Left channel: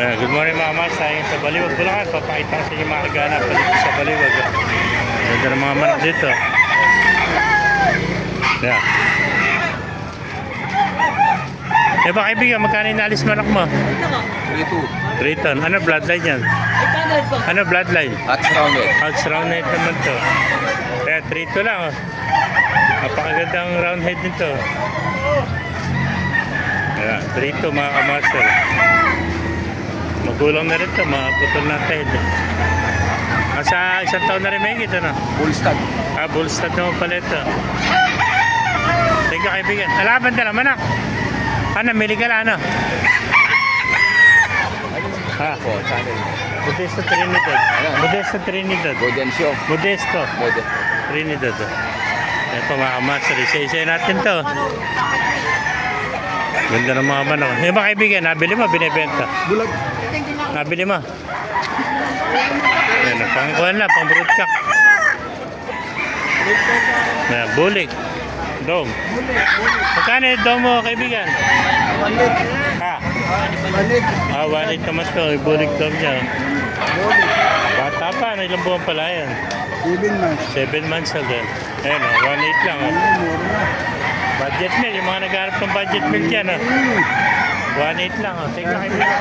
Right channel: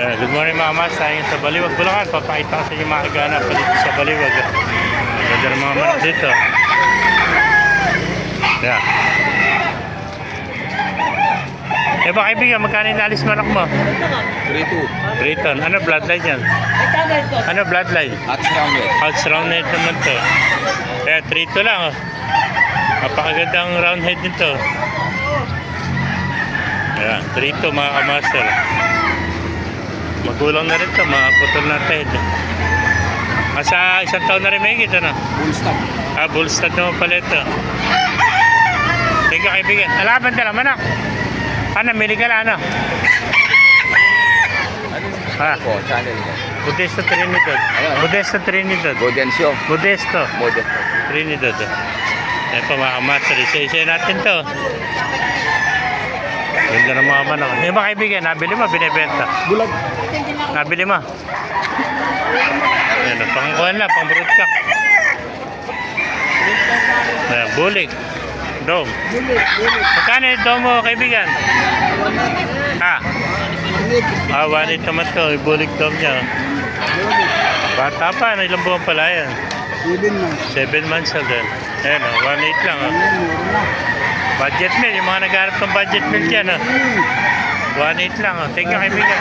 Good morning mga mas, tayo sa Baliwag, Bulacan. Papakita ko sa inyo mga ganap dito sa Baliwag. Ganda ng mga manok dito. Yeah. Eh ba kaibigan, magkano inalis manok mo? 3-2. 3 ton. Ano bloodline yan? Ano bloodline? At rounded. House round head naman to. Kaya 3 lang. Oh. Napakagandang round head nito. Ayan, 3 mga kamaster. Magulang na rin to, mga putol na head. Sa isang taon na rin may higit, ano? Full stud. Bull stud naman pala ito. Thank you kaibigan. Alaban ka naman, ano, mili ka lang, ano? Ha? Po, channel mo. Modesto Trinidad. Ano? Modesto Trinidad. Godencio. Modesto Model. Trinidad. Ayan pa mga kamaster. Isa-isa natin to. Ganda ng mga manok. Yung mga kaibigan, nabili mo, binibenta. Bulag. Nabili mo. Ayan, pangkuhan na, pang broodcock. Ayan, bulig. Dom. Magkano yung dom mo, kaibigan? Ha? 1.8 naman to. Yung bulig dom niya. Bata pa, ilang buwan pala yan? 7 months old. Ayan, 1.8 lang. Budget meal, yung mga nagharap ng budget meal dyan. 1.8 lang. Thank you, kaibigan.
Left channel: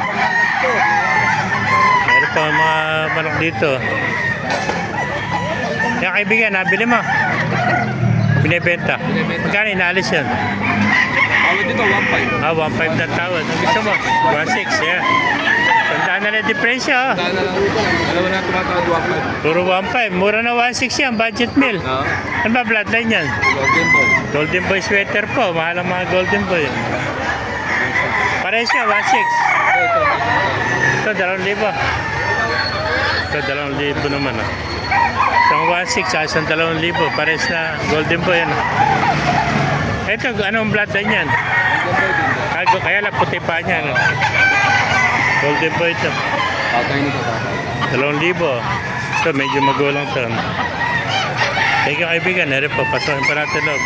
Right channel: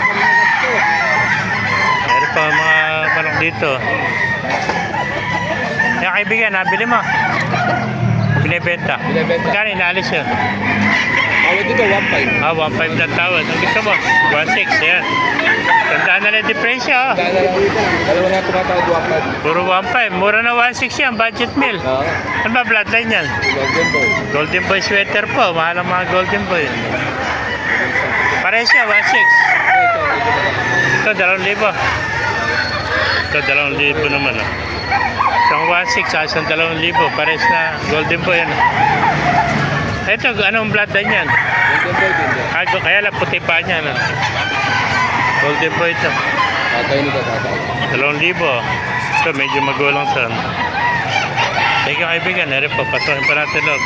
Meron pa mga manok dito. Yan, kaibigan, nabili mo. Binibenta. Magkano inaalis yan? Tawad dito, 1.5. 1.5 na tawad. Ang gusto mo? 1.6. Yan. Tandaan na lang diferensya. Dalawa na tumatawad 1.5. Puro 1.5. Mura na 1.6 yan. Budget meal. Ano ba bloodline yan? Golden boy. Golden Boy sweater po. Mahal ang mga Golden Boy. Pares siya, 1.6. Ito, 2,000. Ito, 2,000 naman. From 1.6 sa 2,000. Pares na Golden Boy. Ito, anong bloodline yan? Golden boy din. Kaya lang puti pa niya. No? Golden Boy ito. Okay nito. 2,000. Ito, medyo magulang ito. Thank you kaibigan. Meron po, pasahin pa natin loob.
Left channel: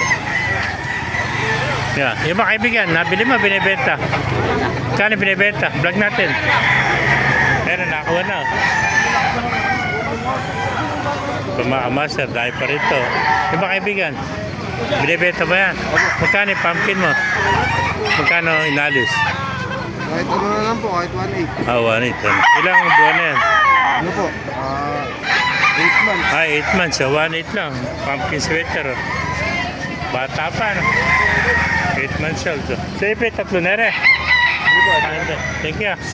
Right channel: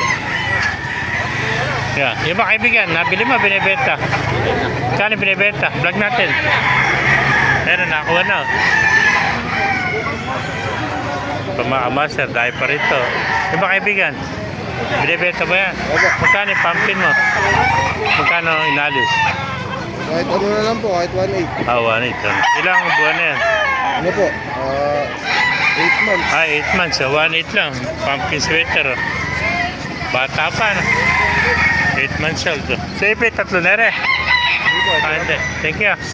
Yan. Yung mga kaibigan, nabili mo, binibenta. Kano binibenta? Vlog natin. Meron, nakakuha na. Pumakamasar, dahil pa rito. Yung mga kaibigan, binibenta ba yan? Magkano yung pumpkin mo? Magkano inalis? Kahit ano na lang po, kahit 1.8. 1.8. Ilang buwan na yan? Ano po? 8 months. 8 months. 1.8 lang. Pumpkin sweater. Bata pa, no? 8 months old. So, ipit, 3 na rin. Thank you.